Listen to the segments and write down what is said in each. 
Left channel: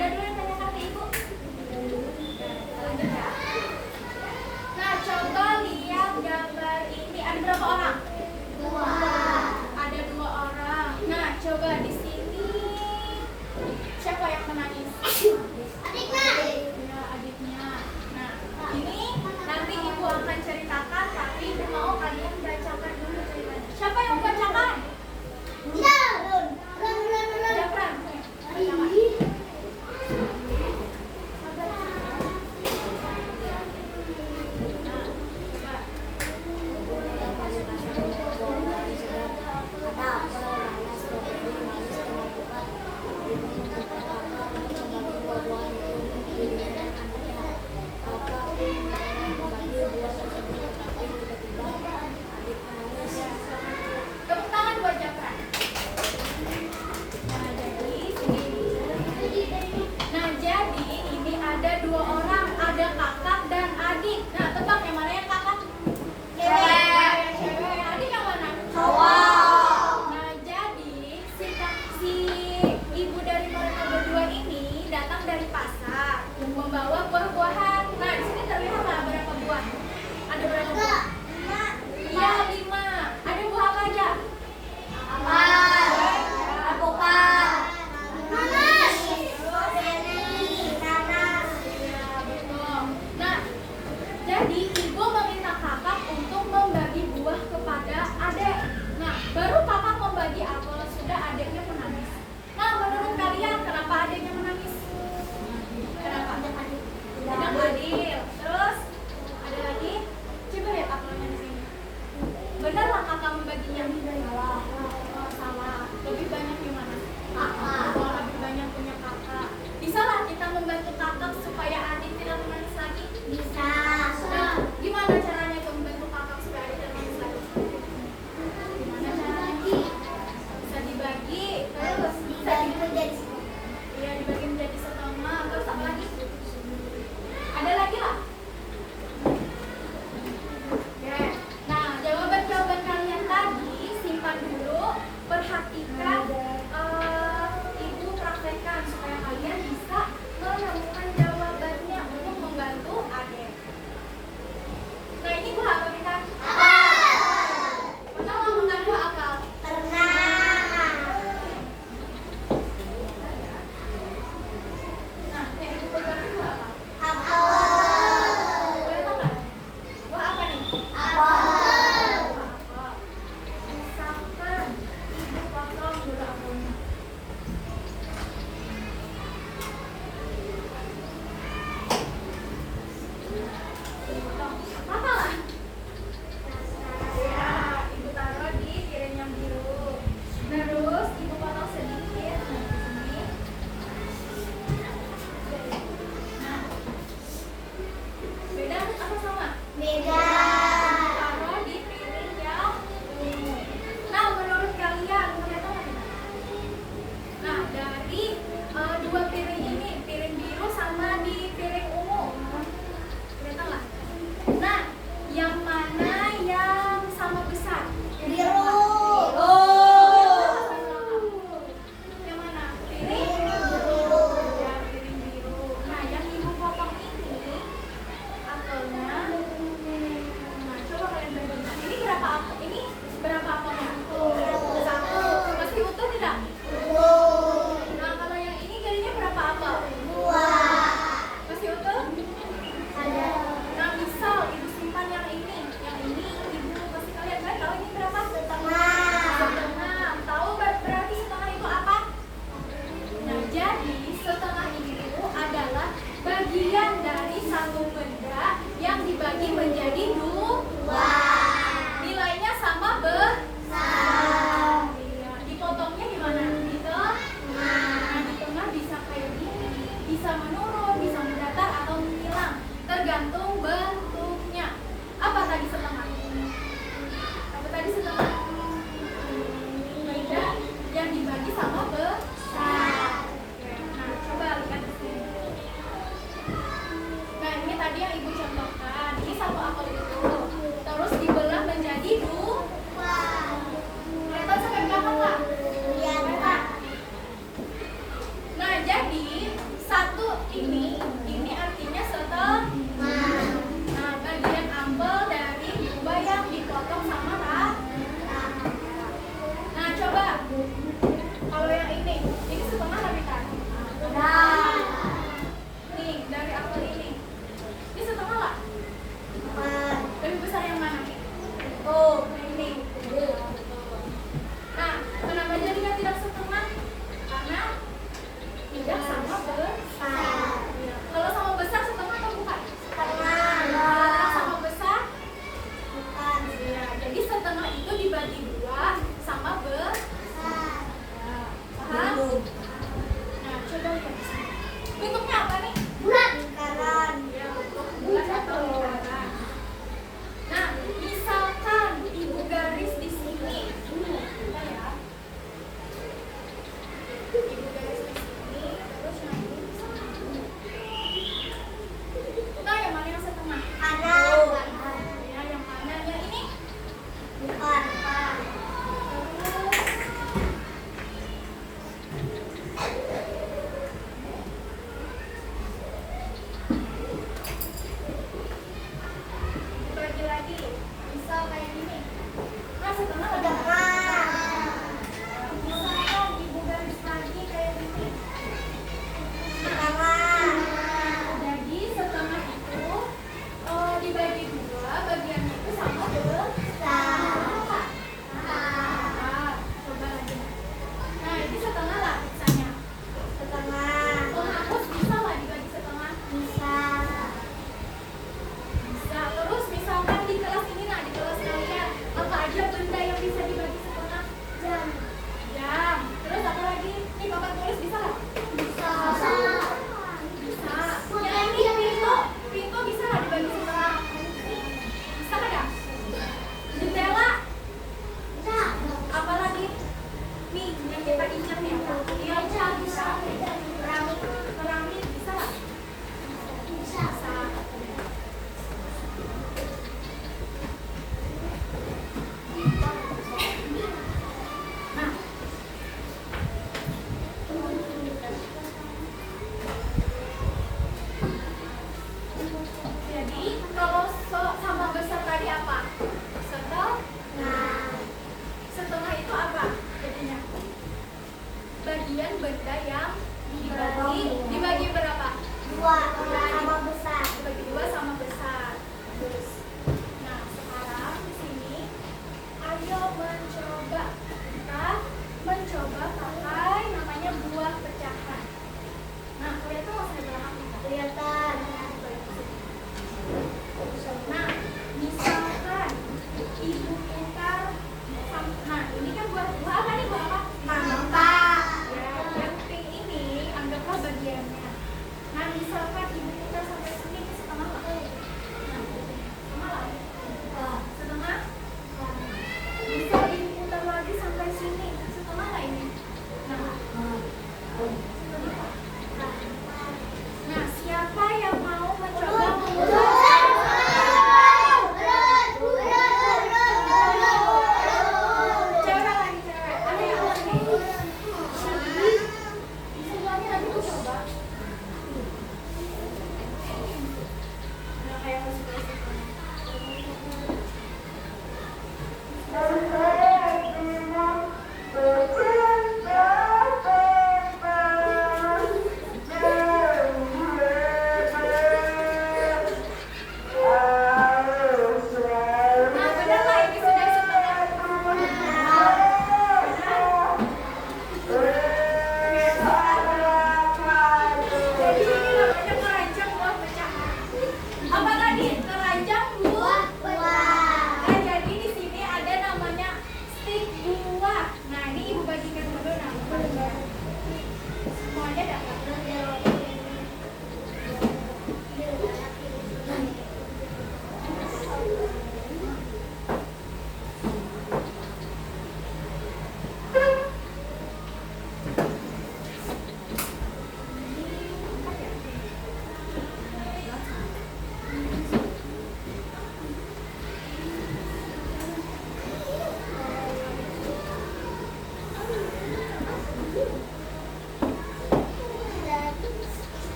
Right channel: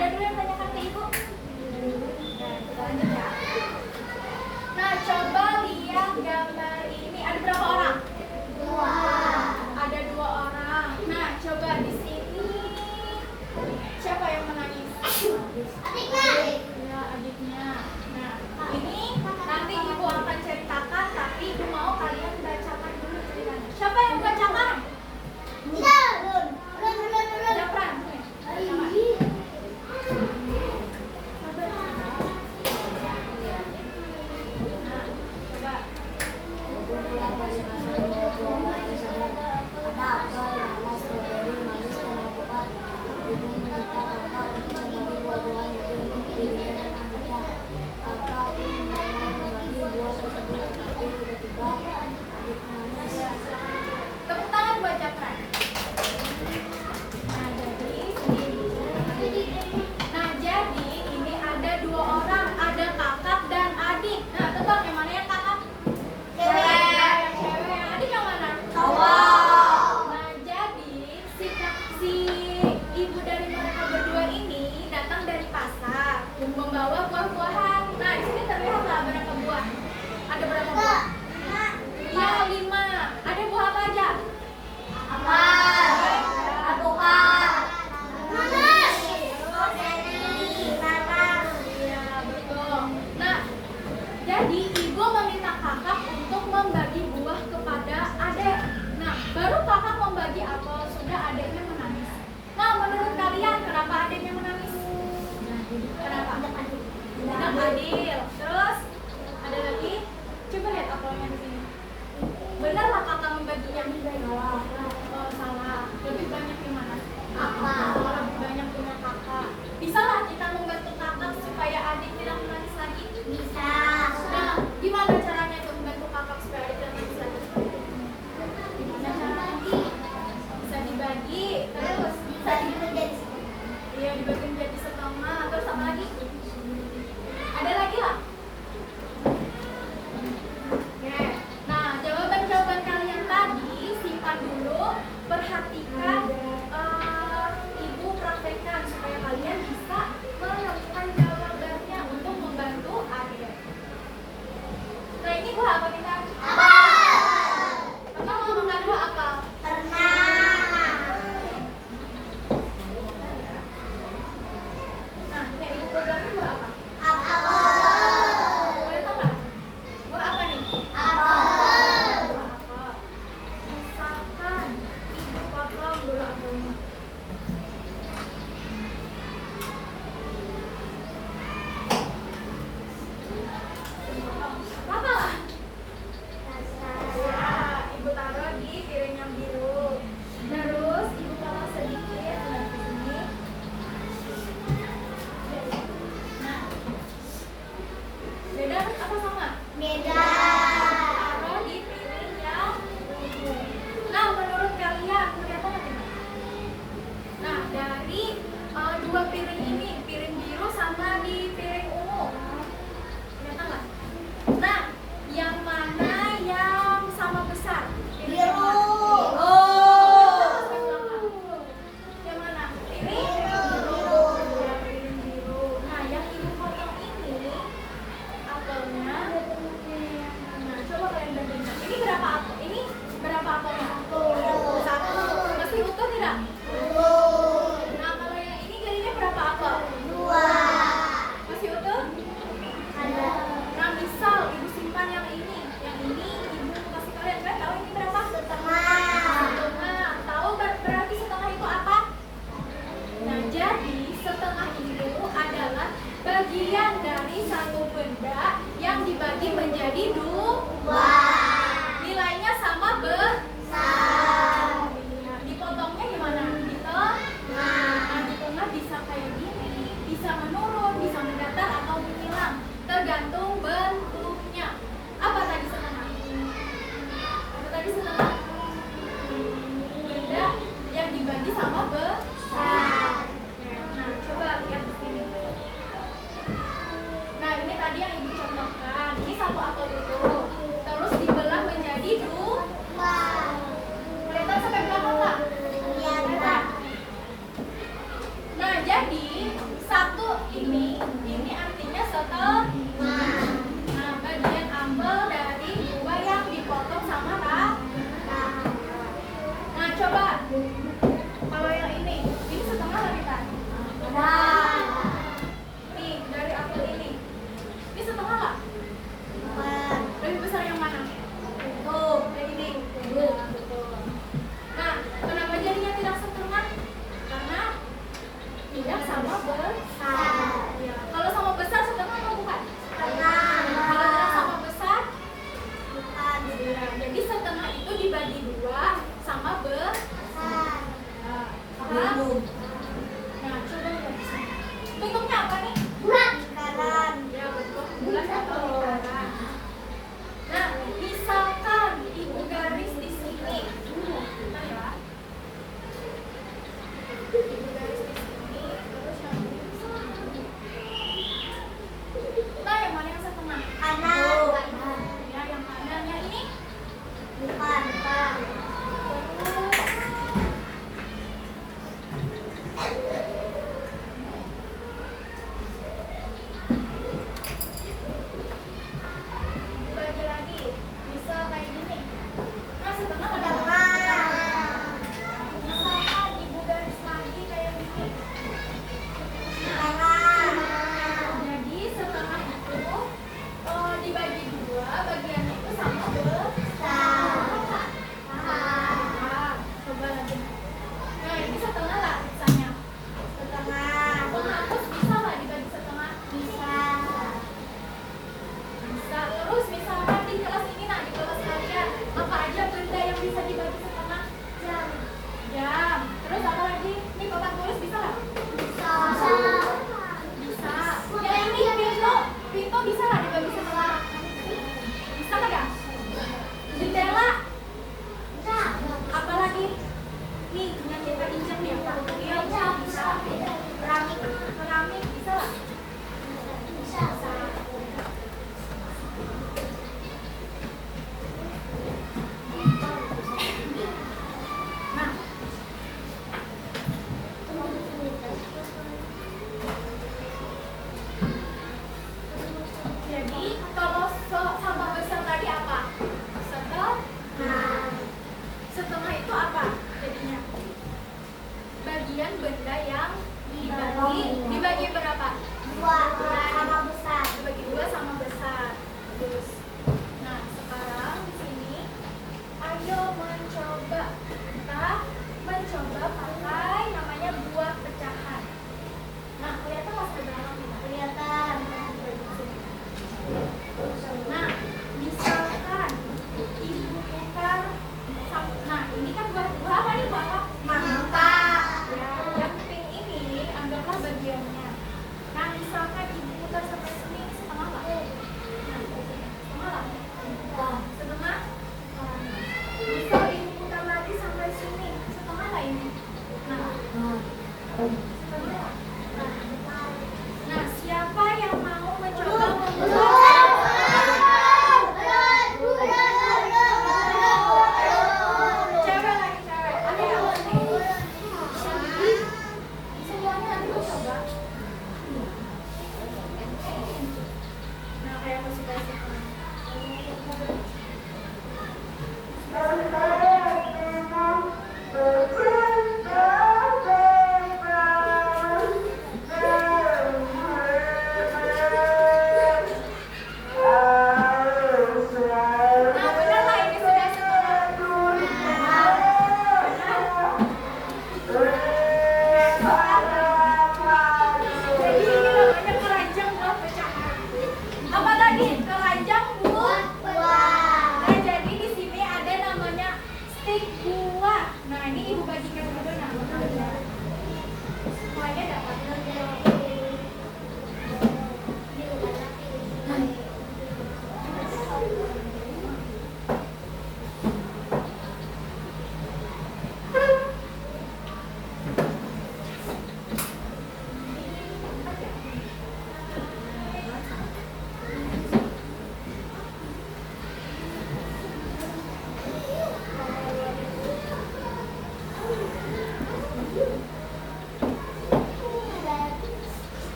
ada dulu yang tanyakan ke ibu? Nah, kita lanjut ya. Nah, coba lihat gambar ini. Ada berapa orang? Dua. Ada 2 orang. Nah, coba di sini siapa yang menangis? Adiknya. Ya, adiknya. Nah, ini nanti ibu akan ceritakan, tapi ibu mau kalian bacakan dulu ceritanya. Siapa yang bacakan? Iya, Run. Japran. Tepuk tangan buat Japran. Nah, jadi ini ada 2 orang, ada kakak dan adik. Nah, tebak yang mana yang kakak? Cewek. Cewek. Yang adik yang mana? Cowok. Nah, jadi si ibu dari mereka berdua ini datang dari pasar membawa buah-buahan. Nah, di sini terlihat lah berapa buah? Ada berapa buah? Iya, 5. Ada buah apa aja? Alpukat. Nanas. Iya, betul. Nah, jadi ibu meminta kakak untuk membagi buah kepada adik. Nah, baru kakak membagi apel, sudah adiknya menangis. Nah, menurut kalian kenapa adiknya menangis? Kenapa? Tidak adil. Terus ada lagi? Coba lihat apelnya di sini. Benar lah kakak membaginya? Oh, salah. Lebih banyak yang mana? Oh, lebih banyak punya kakak. Bisa lah kita membantu kakak supaya adik tidak menangis lagi? Bisa. Nah, gimana caranya itu membantu kakak supaya adik tidak menangis lagi? Gimana caranya? Bisa dibagi, terus Bisa dibagi. iya dibagi Kalau yang ini setengah lebih kan? Benar. Nih, dari apel ini setengah nggak? Empat. Lebih besar yang mana? Tuh. Yang ini. Betul. Nah, kenapa jadinya tidak setengah? Karena tidak sama besar. Ya. Kalau sama besar setengah atau bukan? Setengah. Kalau tidak sama besar, Bukan. ya. Jadi setengah itu dibagi dua sama besar. Besar. Ya. Paham? Nah, coba lihat di sini. Bentuknya apa nih? Bulat. Lingkaran. Ya, bentuk bulat atau lingkaran. Nah, misalkan ibu garis di sini. Bentar ya. Ibu garis di sini, terus yang ini. Nah, yang mana yang setengah? Kanan. Ya, yang kanan. Yang ini? Bukan. Bukan. Dibagi lagi. Bisa kayak gini. Nah, setengah ada Setengah. misalkan ibu garis lagi kayak gini. Setengah. Jadi setengah itu dibagi dua, bagiannya itu sama besar. Nah, coba lagi. Nah, ini setengah lah misalnya. Setengah. Menghapus bisa nggak dibagi setengah? Bisa. Bisa. Terus misalkan di kelas ini, nah di kelas kalian apa aja benda yang bisa dibagi setengah? Jam. Jam. Terus apa lagi? Nih papan tulis bisa nggak? Bisa. Bisa. Yang ini pintu, pintu bisa nggak dibagi setengah? Bisa nggak ya? Jendela. Bisa. Apalagi nih yang kita injak nih apa? Iya bisa. Keramik. Keramik bisa nggak? Bisa. Bisa. Nah, jadi kalau sama besar tadi apa? Setengah. Nah. Setengah itu apa jadinya? Bagian benda yang dibagi berapa? Dua. Sama besar. Dibagi dua sama besar. Nah, sekarang di sini ayo mencoba kita mencoba pakai namanya buah pecahan. Nah, kelihatan nggak sudah belakang kita? Kelihatan. Nah, misalkan ibu putar, nah ini kan buah apa nih buah apa? Mangga. Ya, yang pink ini anggaplah bagiannya. Nah, misalkan ibu putar sampai sini, ini setengah lah. Nah, setengah lah. Setengah. Bisa ibu putar lagi sampai sini, setengah lah ini. Nah, setengah lah. Nah, siapa yang mau mencoba memutar? Cewek lagi cewek. Ada yang mau sini? Semuanya nanti aku coba. Nah, kayak aku suka sih.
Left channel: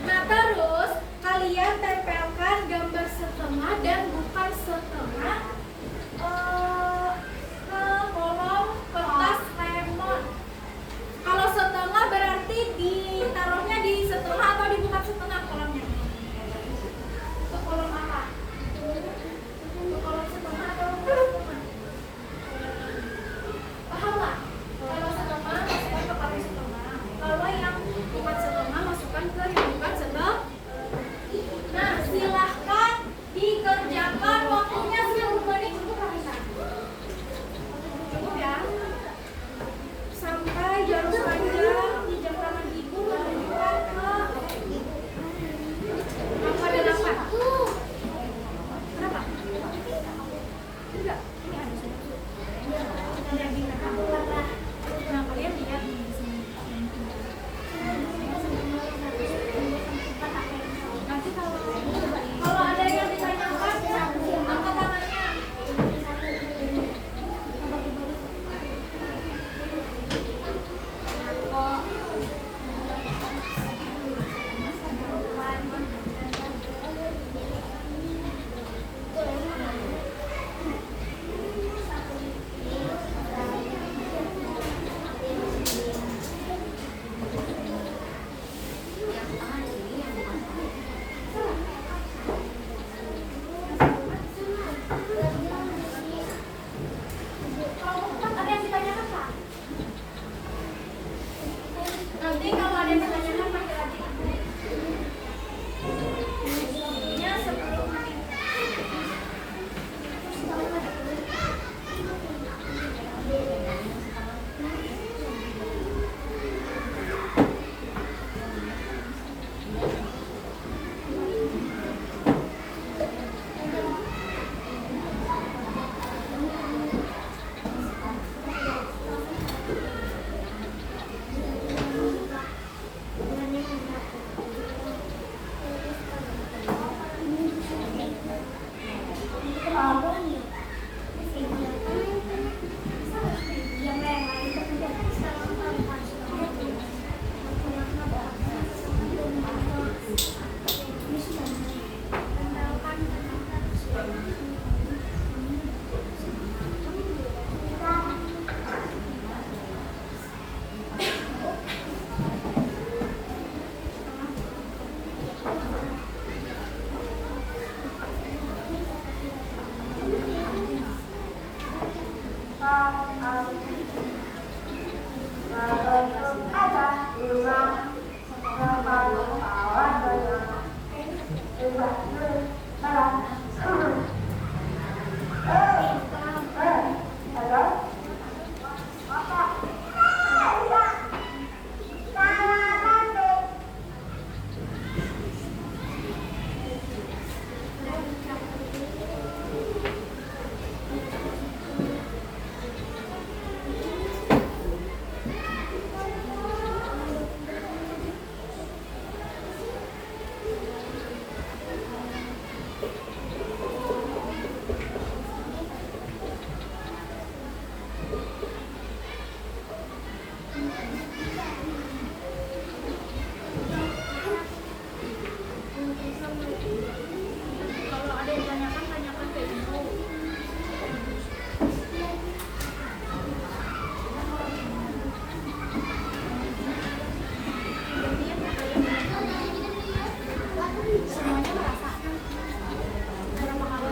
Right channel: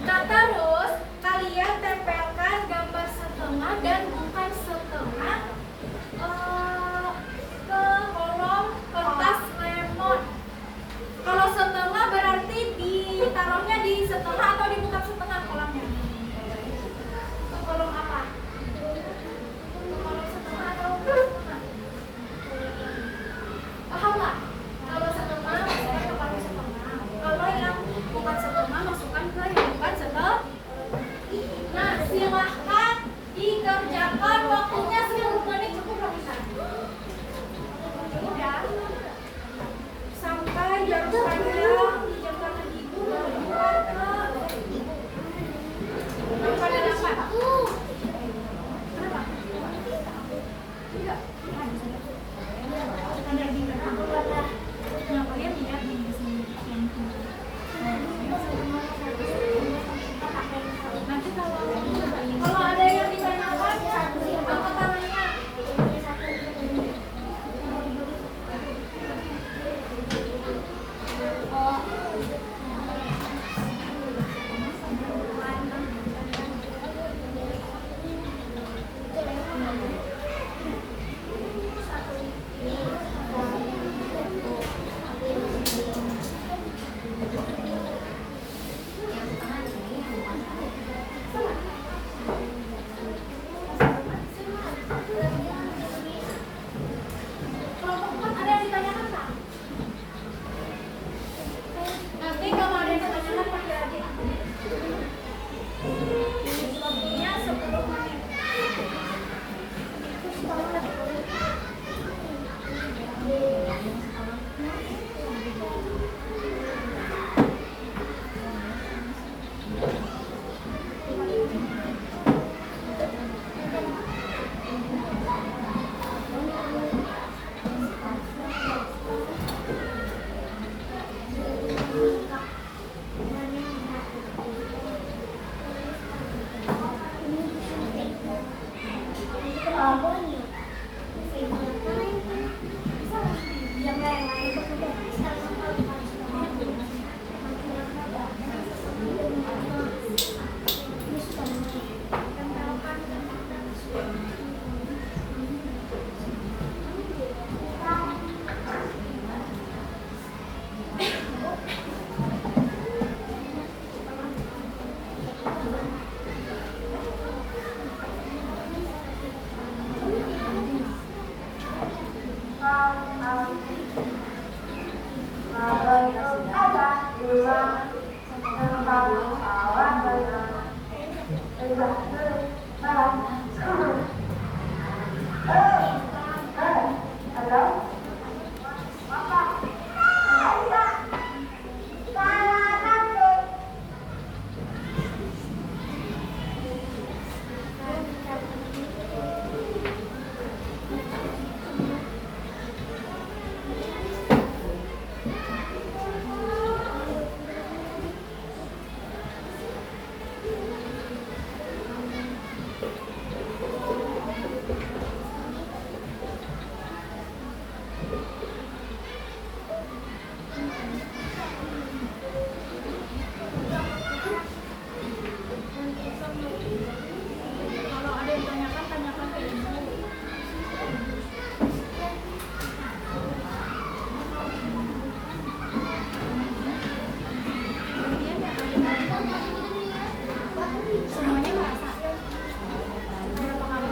Nah, terus kalian tempelkan gambar setengah dan bukan setengah ke kolom kertas lemon. Kalau setengah berarti ditaruhnya di setengah atau di bukan setengah kolomnya? Ke kolom apa? Ke kolom setengah atau bukan setengah? Paham nggak? Kalau setengah masukkan ke kolom setengah. Kalau yang bukan setengah masukkan ke yang bukan setengah. Nah, silahkan dikerjakan, waktunya 10 menit cukup nggak bisa? Cukup ya? Sampai jarum panjang di jam tangan ibu menunjukkan ke angka 8. Kenapa? Enggak. Nah, kalian lihat nih di sini. Nanti kalau ada yang ditanyakan ya, angkat tangannya. Kelompok 4 ada yang ditanyakan Kak? Nanti kalau ada yang ditanyakan panggil aja. Waktunya 10 menit. Kalau ada yang tanyakan, tanyakan ke ibu. Semuanya merasakan. Berapa kali?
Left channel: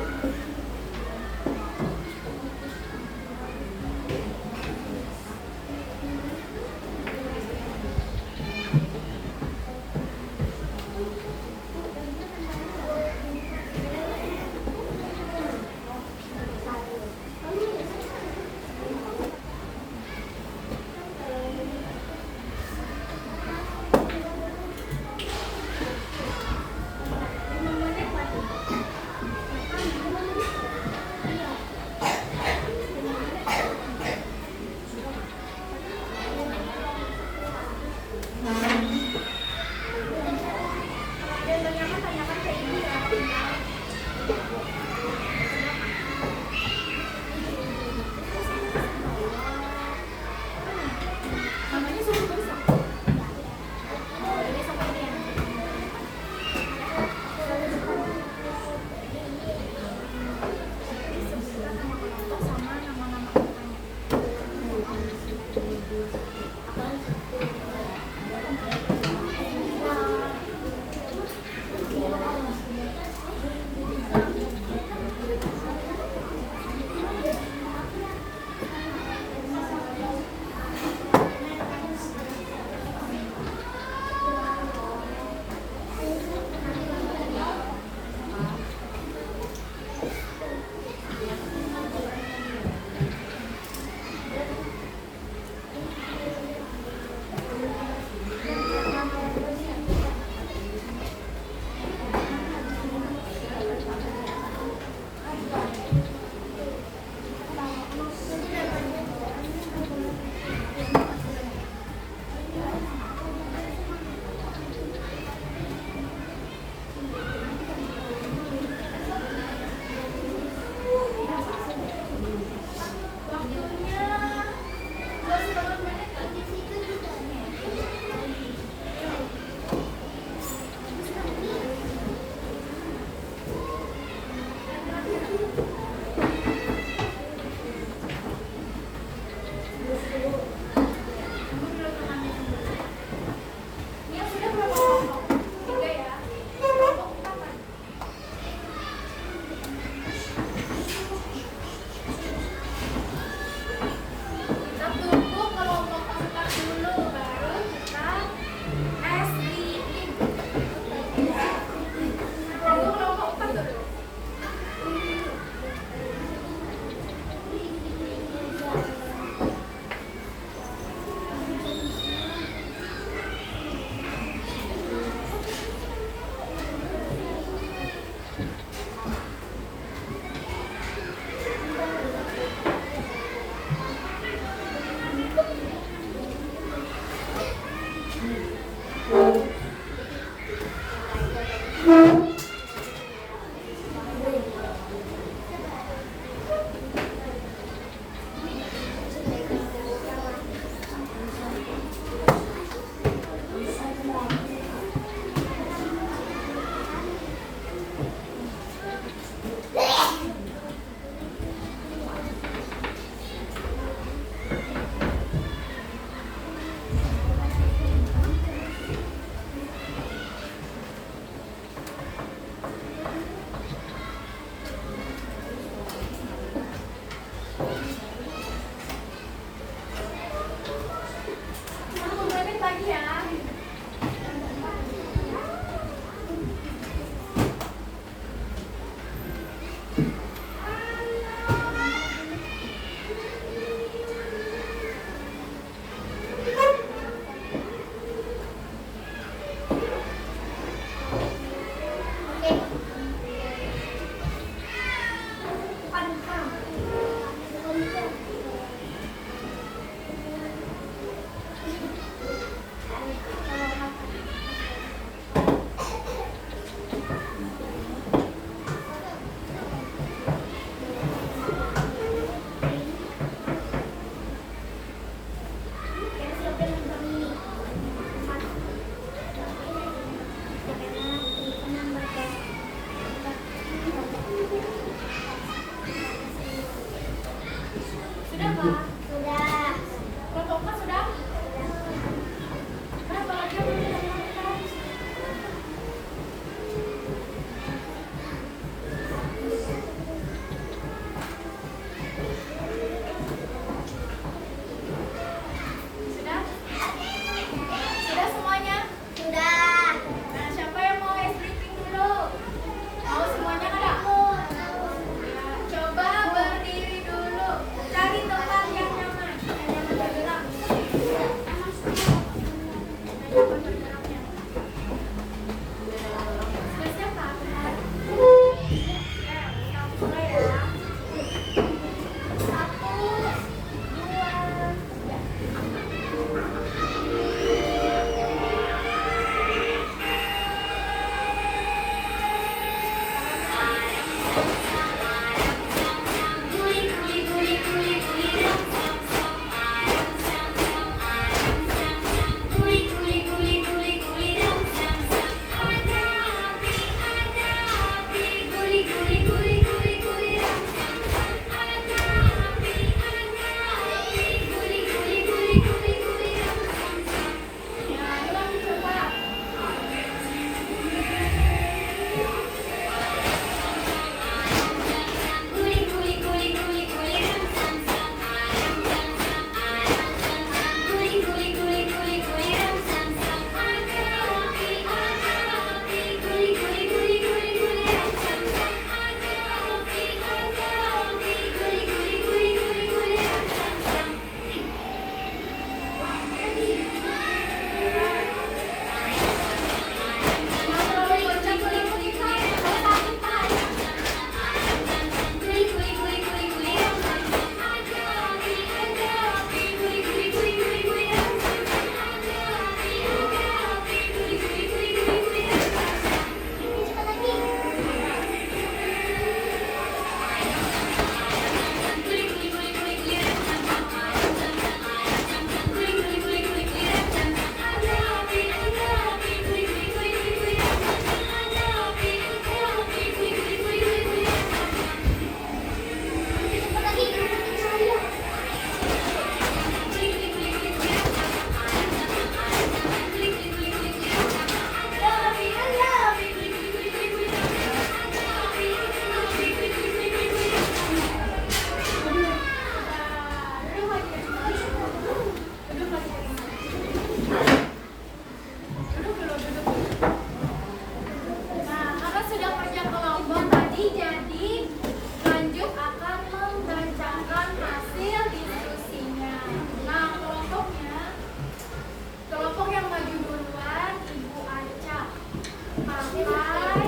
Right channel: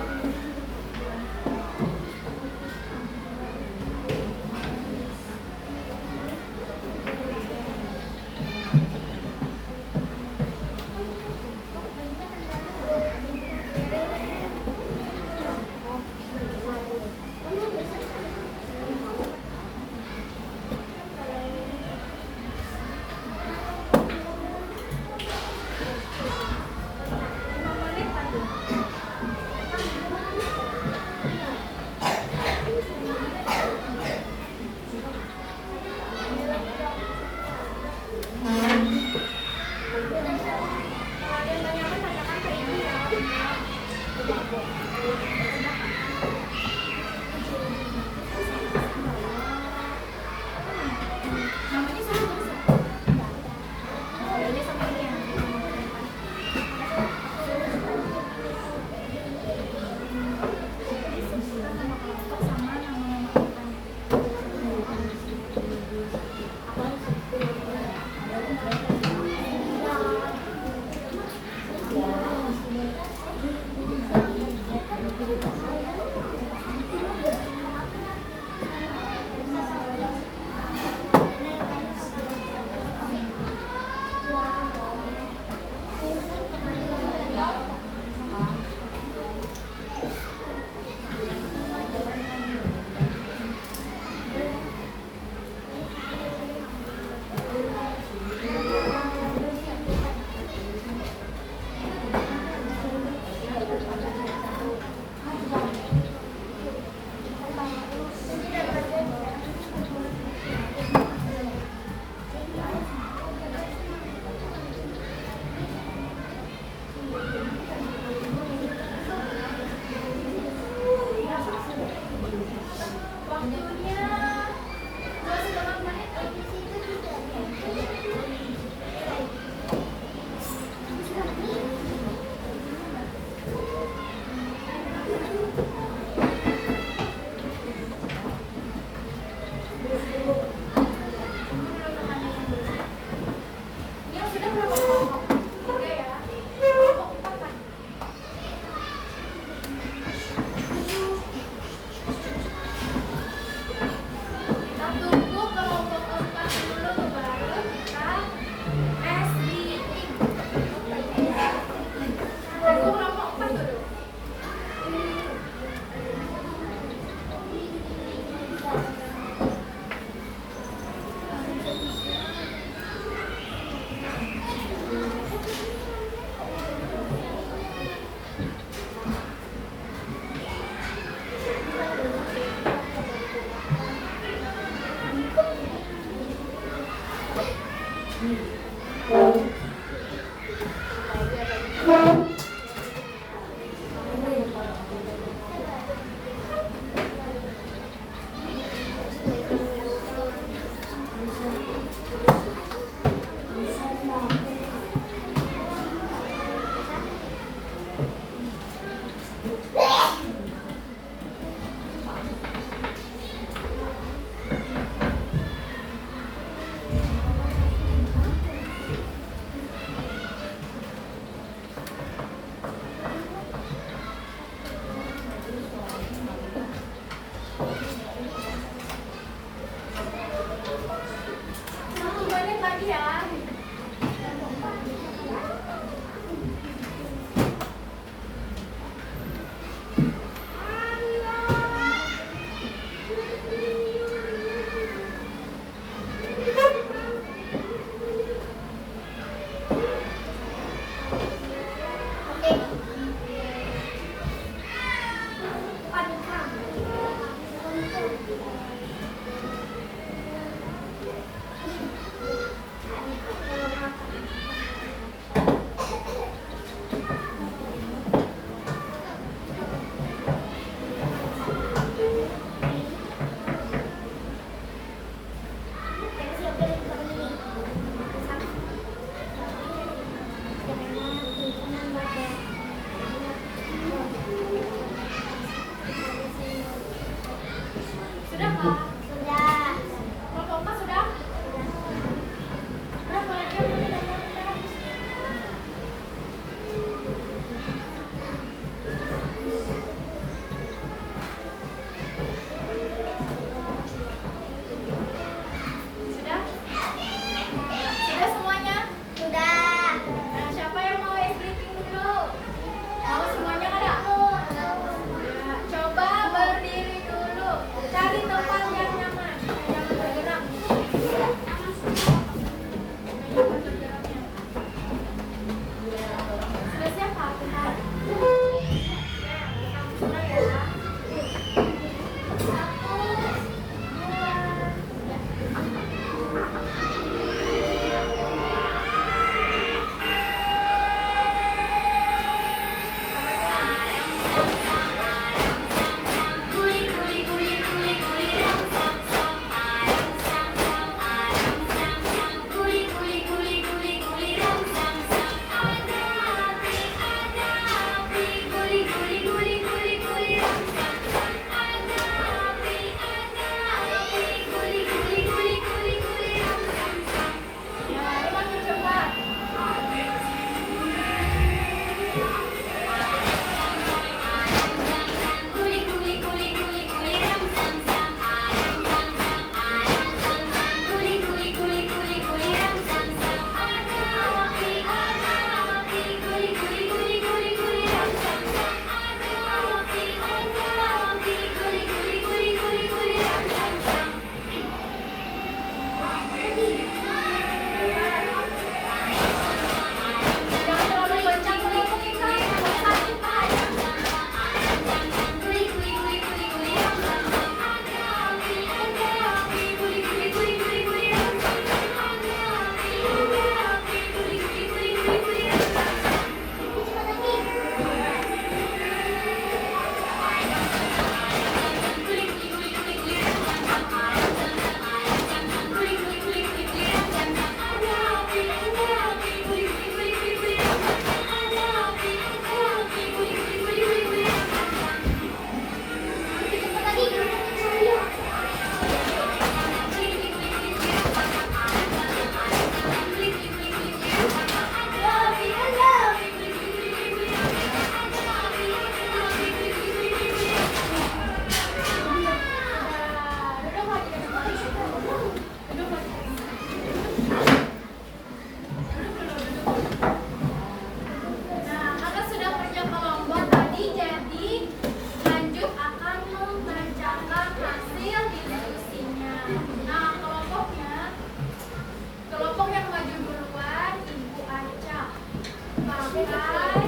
lomba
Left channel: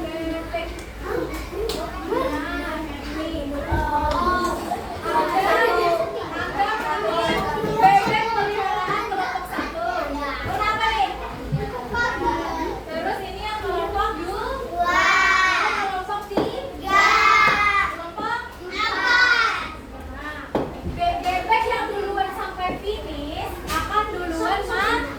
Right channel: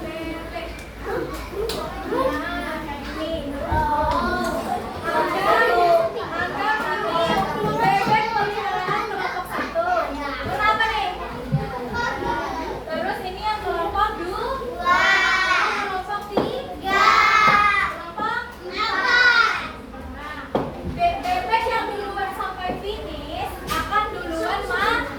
bebek. Bebek peliharaan kelompok 1. Kenapa nih? Terus ini yang kelompok 2. Kelompok 3. Kelompok 4. Nah, bebek yang duluan sampai finish akan duluan maju.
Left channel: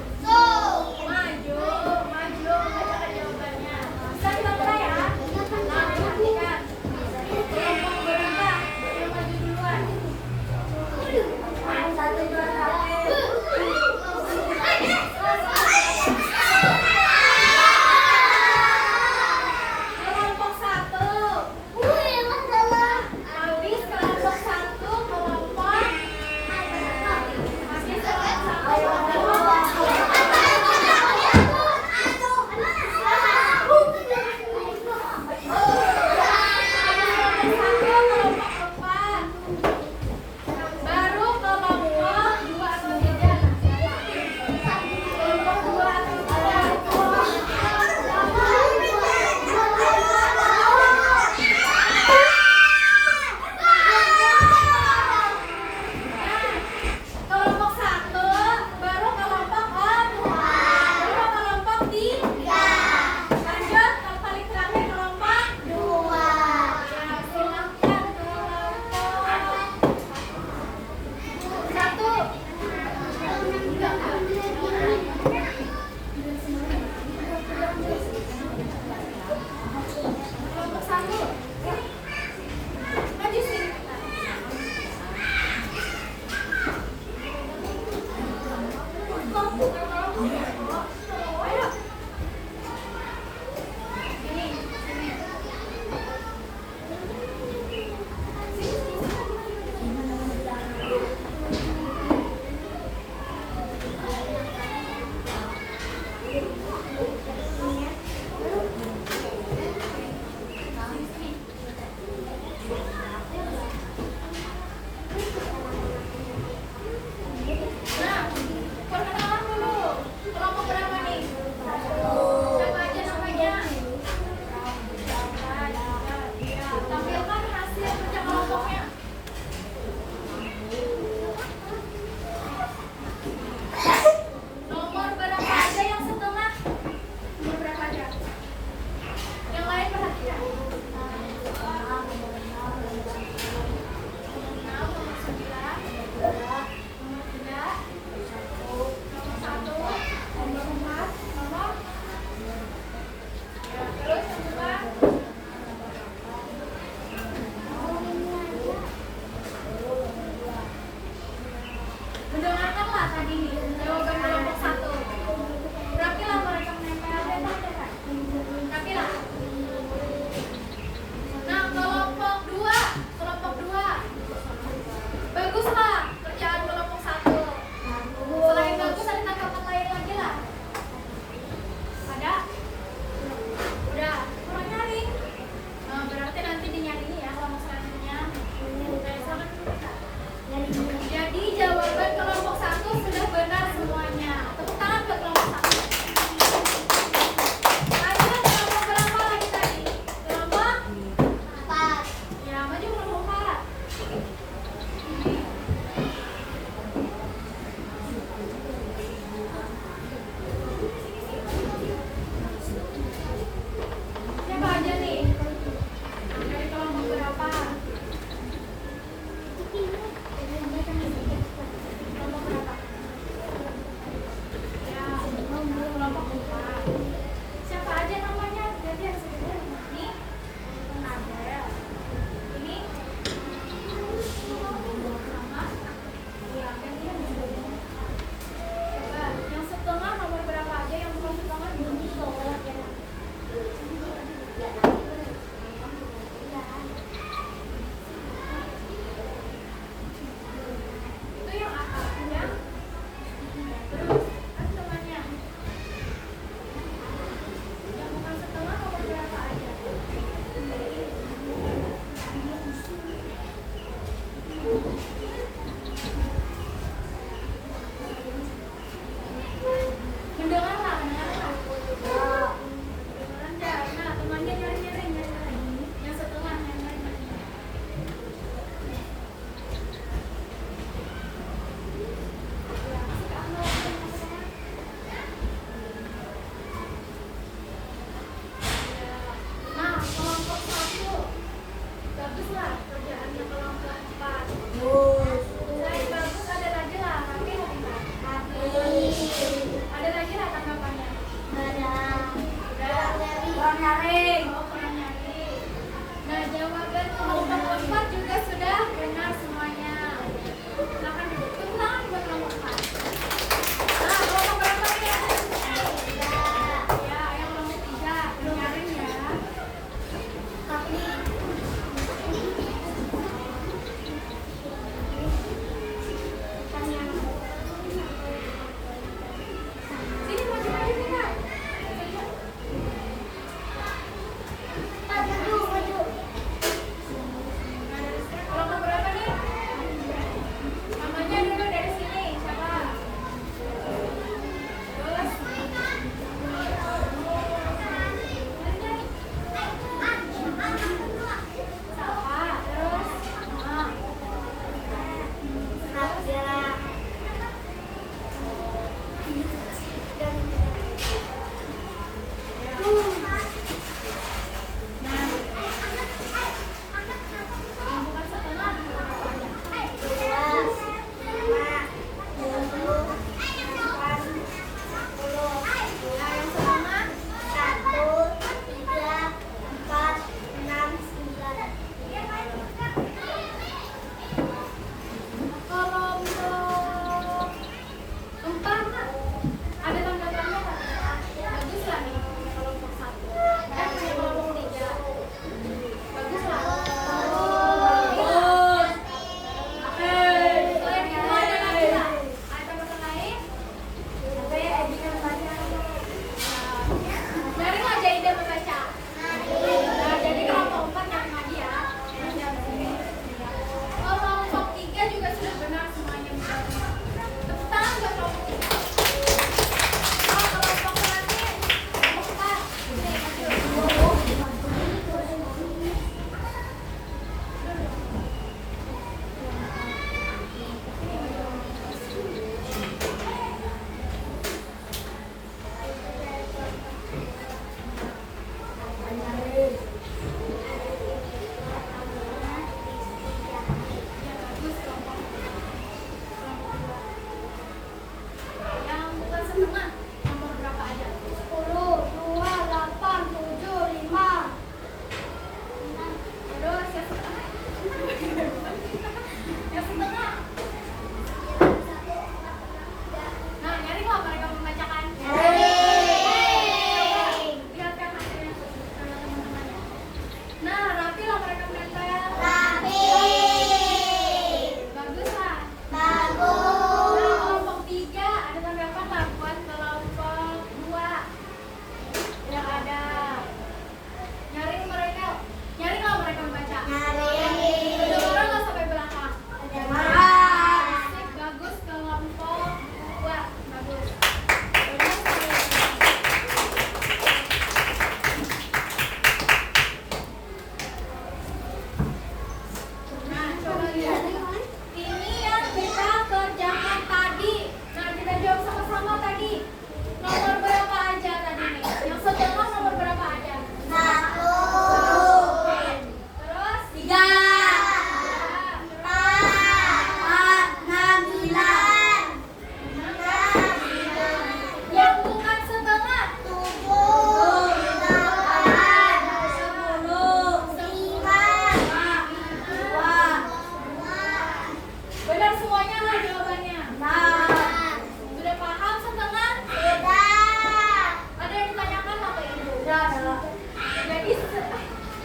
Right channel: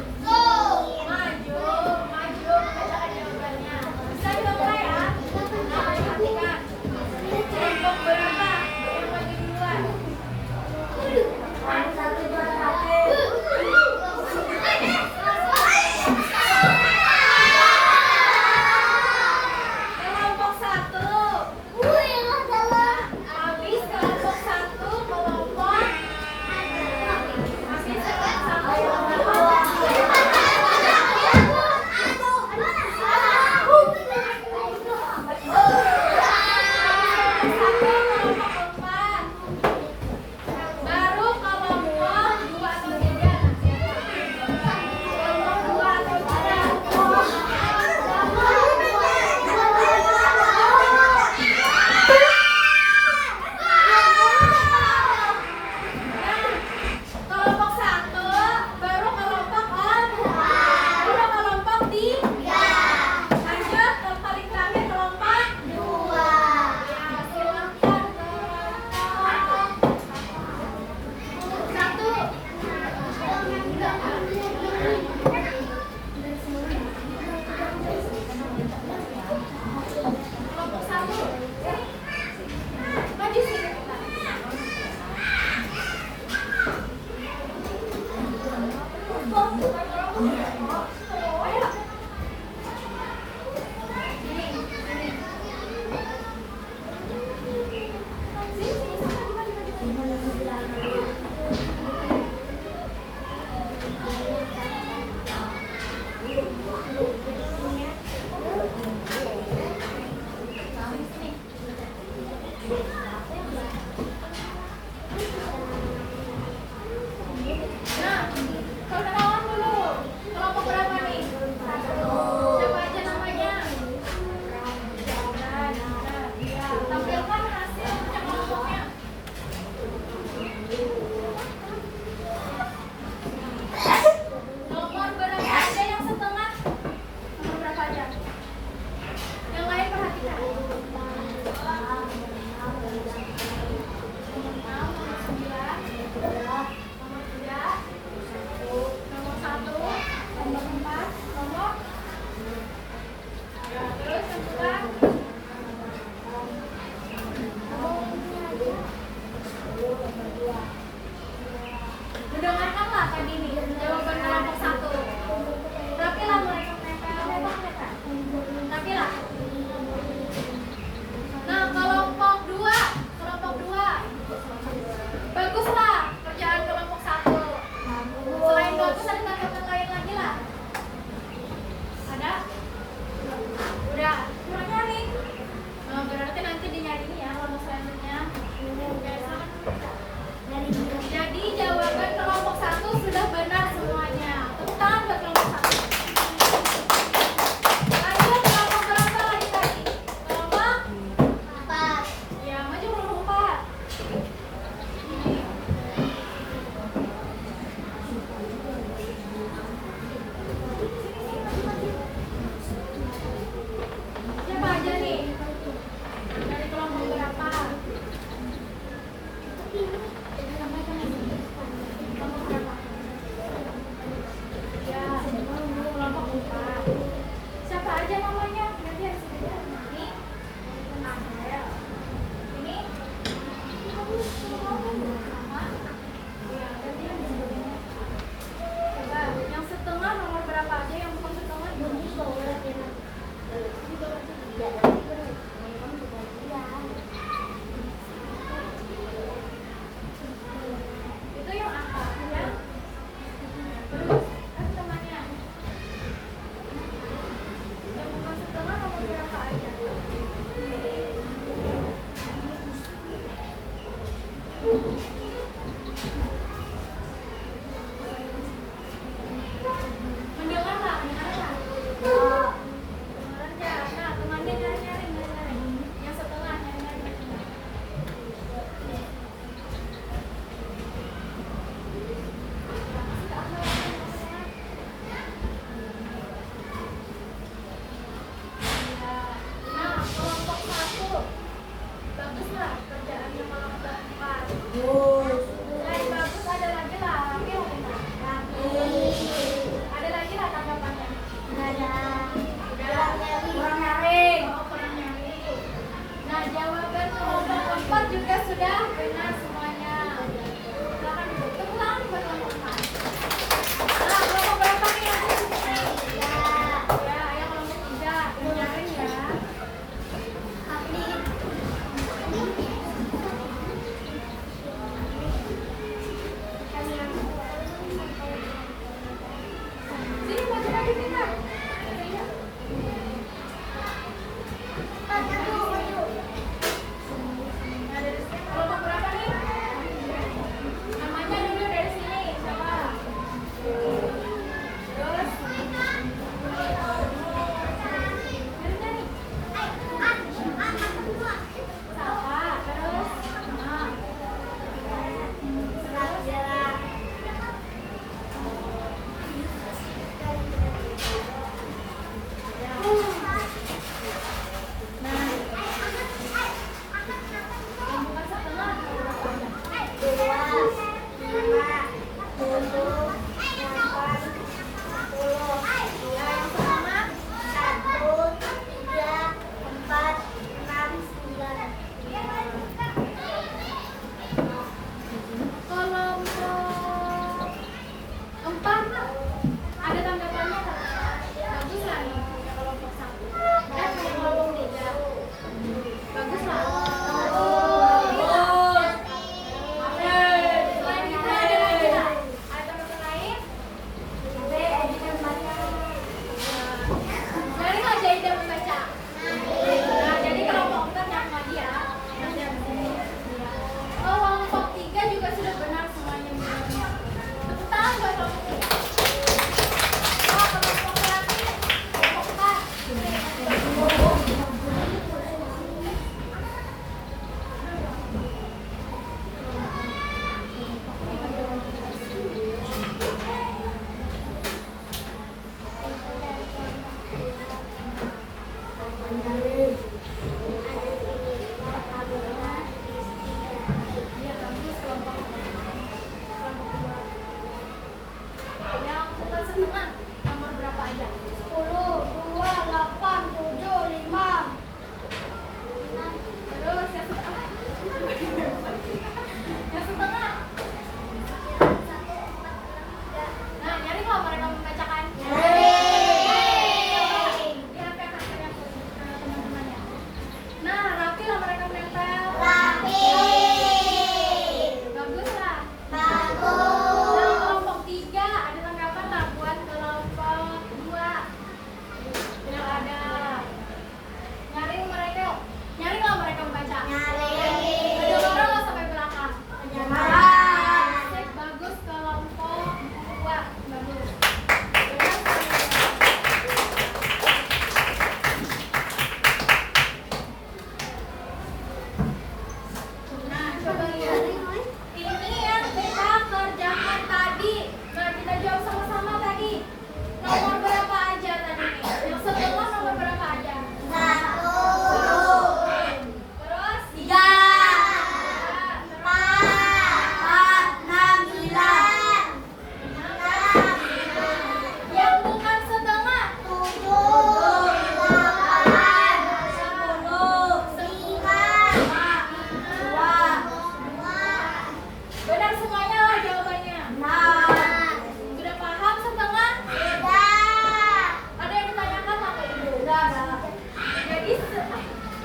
Enggak ada.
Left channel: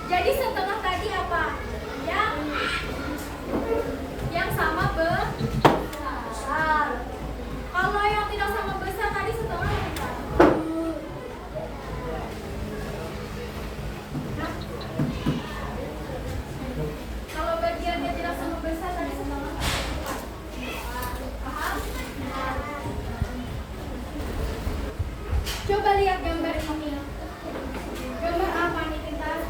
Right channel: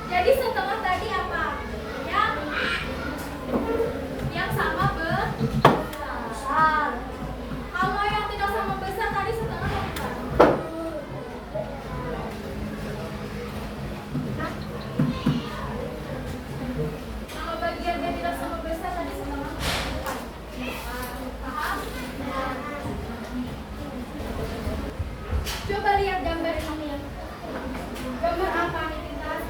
Jadi setengah tadi apa? Yang sama Besar. Kalau yang tidak sama besar tadi setengah apa? Hah? Kalau bagian yang tidak sama besar tadi setengah apa? Paham? Coba lihat gambar ini. Gambar apa nih, Tintas?